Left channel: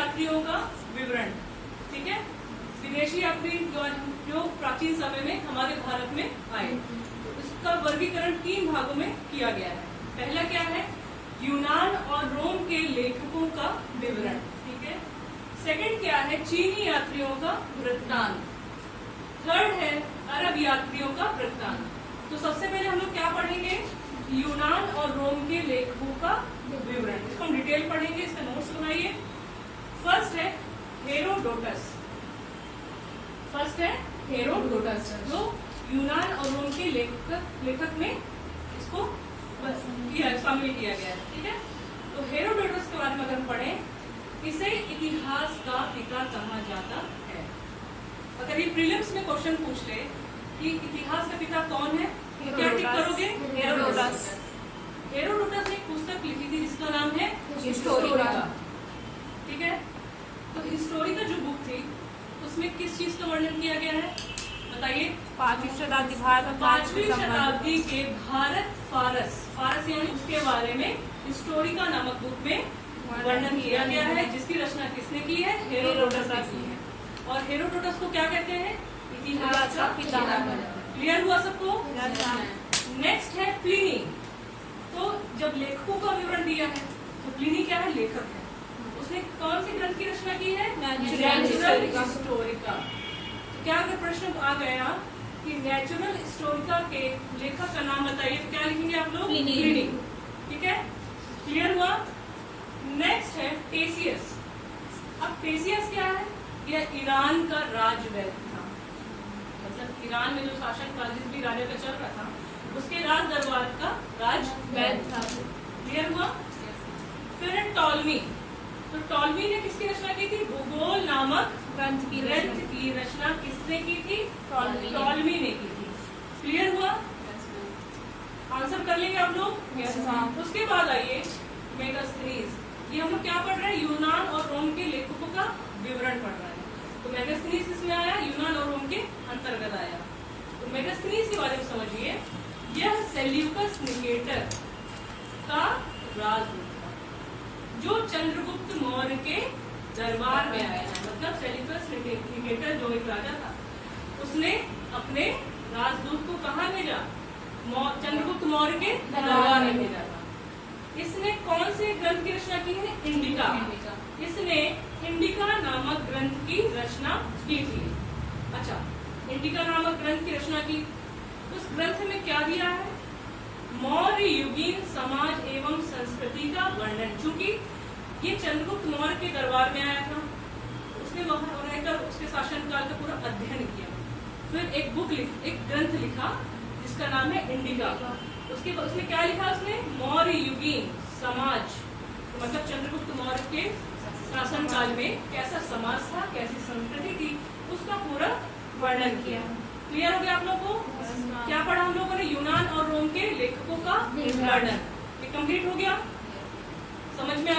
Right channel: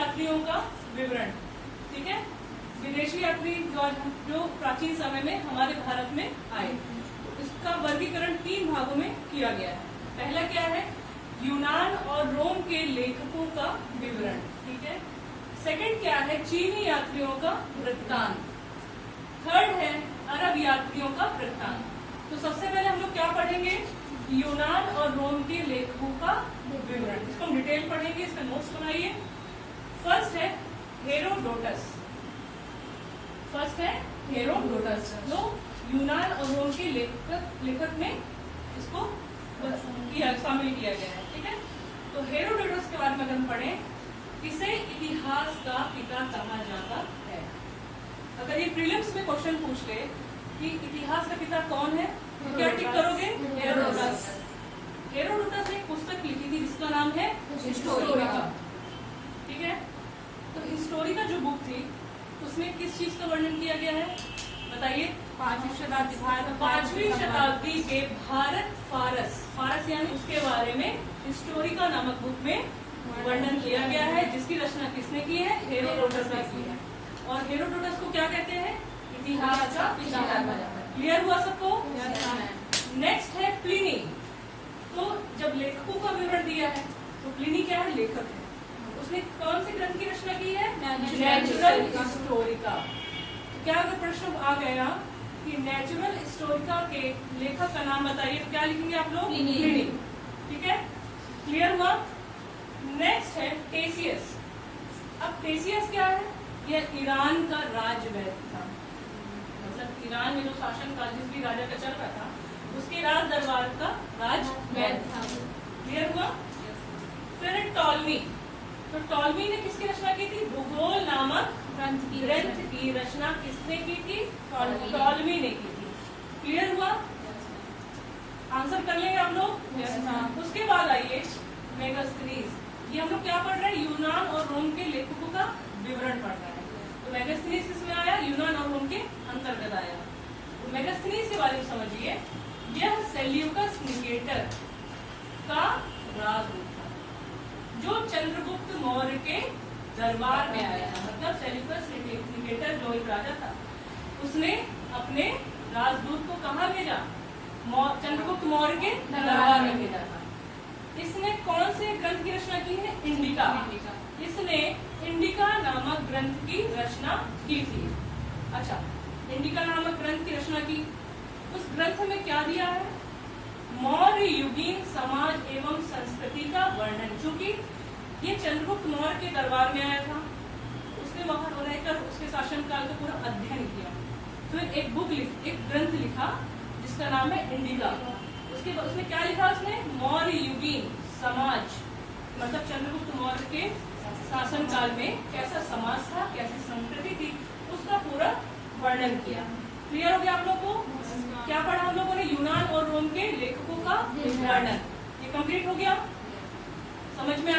यात्रियों का विवरण। ठीक है, विदेशी यात्री जो प्राचीन समय में हमारे भारत में आए, तो इसका वर्गीकरण 3 भागों में किया गया है। पहला क्या है, यूनान और रोम के लेखकों का विवरण। ठीक है, सेकंड क्या है, चीनी यात्रियों का वृत्तांत। थर्ड है अरब यात्रियों का वृत्तांत। तो सबसे पहले हम लोग क्या पढ़ेंगे, यूनान और रोम के लेखकों का विवरण। इसको हम डिटेल पढ़ेंगे, इसका नोट्स बनाइए। फर्स्ट है हेरोडोटस। जो यूनान और रोम के लेखक में इसको शामिल किया गया है। ठीक है, तो हेरोडोटस के बारे में अगर हम पढ़ें, इसे इतिहास का पिता कहा जाता है। अगर ये प्रीलिम्स में क्वेश्चन पूछ ले कि इतिहास का पिता कौन है, तो क्या टिक करोगे, हेरोडोटस। हेरोडोटस ने एक पुस्तक लिखी थी जिसका नाम है हिस्टोरिका। ठीक है, तो हिस्टोरिका जो बुक थी उसमें किस चीज का वर्णन किया गया है, बताइए। 5वीं शताब्दी के भारत फारस यानी उसके बारे में हिस्टोरिका नामक बुक में वर्णन किया गया है, जिसकी रचना किसने की है, हेरोडोटस ने की है। और हेरोडोटस को क्या कहते हैं, इतिहास का पिता। क्लियर हुआ सबको। नेक्स्ट है प्लिनी। तो जब लेखकों का विवरण दिया है, तो प्लिनी क्या है, लेखक है। उसने कौन से ग्रंथ की रचना की है, नेचुरल हिस्टोरिका। क्या अगर प्रश्न आ गया कि नेचुरल हिस्टोरिका के लेखक का नाम बताइए, तो क्या लिखेंगे आप लोग, प्लिनी। ठीक है, क्लियर हुआ। नेक्स्ट है टेसियस। अब टेसियस क्या है, यह ईरान का राजवैद्य था। मतलब ईरान में जो शासन काल जिस भी राजा का चल रहा था, उसके राज दरबार का राजवैद्य था। क्लियर हुआ। फिर है टॉलमी। तो टॉलमी ने किसकी रचना की थी, भूगोल नामक ग्रंथ की रचना किसने की थी, टॉलमी ने की थी। क्लियर हुआ। आंसर कर लेंगे आप लोग। उसके बाद आइए मेगास्थनीज। ये हम लोग क्या पढ़ रहे हैं, यूनान और रोम के लेखकों का विवरण पढ़ रहे हैं। तो मेगास्थनीज किसमें आया, यूनान और रोम के अंतर्गत आया। तो मेगास्थनीज के बारे में समझिए। यह सेल्यूकस निकेटर का राजदूत था, जो चंद्रगुप्त मौर्य के दरबार में आया था। मतलब सेल्यूकस निकेटर जो एक राजा था, उसने अपने राजदूत को कहाँ भेजा, चंद्रगुप्त मौर्य के दरबार में भेजा था। इसने कौन से ग्रंथ की रचना की है, इंडिका। इसने इंडिका नामक ग्रंथ की रचना की थी। अच्छा, इंडिका नामक ग्रंथ की रचना की, उस ग्रंथ में क्या दिया है, मौर्य युगीन समाज एवं संस्कृति का वर्णन। चूंकि ये चंद्रगुप्त मौर्य के दरबार में आया था, उसने वहां रहकर उसके शासनकाल का पूरा अध्ययन किया। फिर एक ग्रंथ लिखा जिसका नाम है इंडिका। उसने क्या लिखा, उसने मौर्य युगीन समाज, मतलब चंद्रगुप्त मौर्य के शासनकाल में कैसा समाज था, कैसी संस्कृति थी, उसका पूरा वर्णन किया। क्लियर हो गया आप लोगों को। क्या पढ़ा हम लोगों ने, यूनान और रोम के लेखकों का वर्णन। ये कंप्लीट हो गया, समझ में आ